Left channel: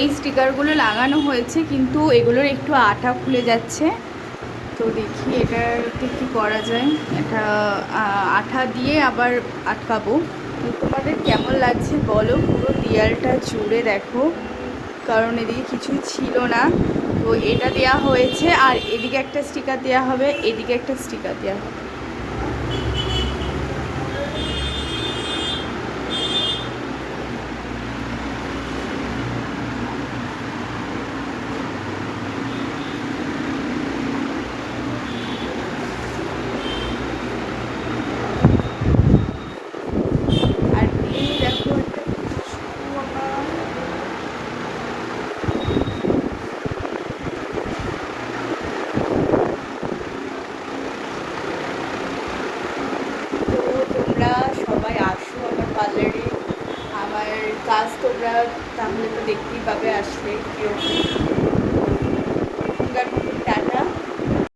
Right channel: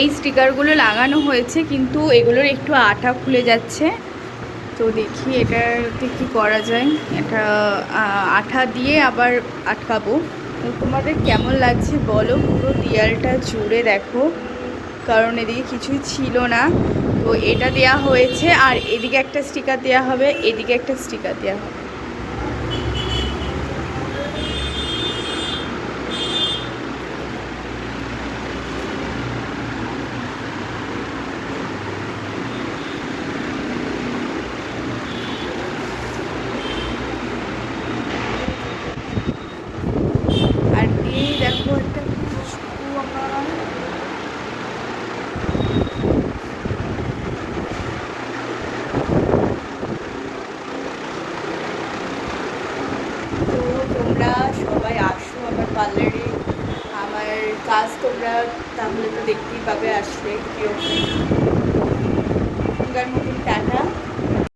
এই স্টিকারগুলো লাগানো হয়েছে, কিন্তু এগুলোর একটু আঠা খুলে যাচ্ছে। তো দেখি এটাতে কি করা যায়। এটা আঠা দিয়ে আবার আটকাবো। তো তোমাদের কেমন লাগছে বলো, পুরো দেয়ালটা জুড়ে দেখো, কারণ এদিকে কিছুই ছিল না। তো এটা দেয়া হয়েছে, আর এদিকে একটা স্টিকার দেওয়া হবে, এদিকে একটা স্টিকার দেওয়া হবে। আর এই দেখো একটা খুশবু আমার। তো তোমরা সবাই আসো আমার পার্লারে, আমার কাজ তোমরা তাহলে তো দেখতেই পাবে আসলে কীরকম। তোমরা মতন টাটা।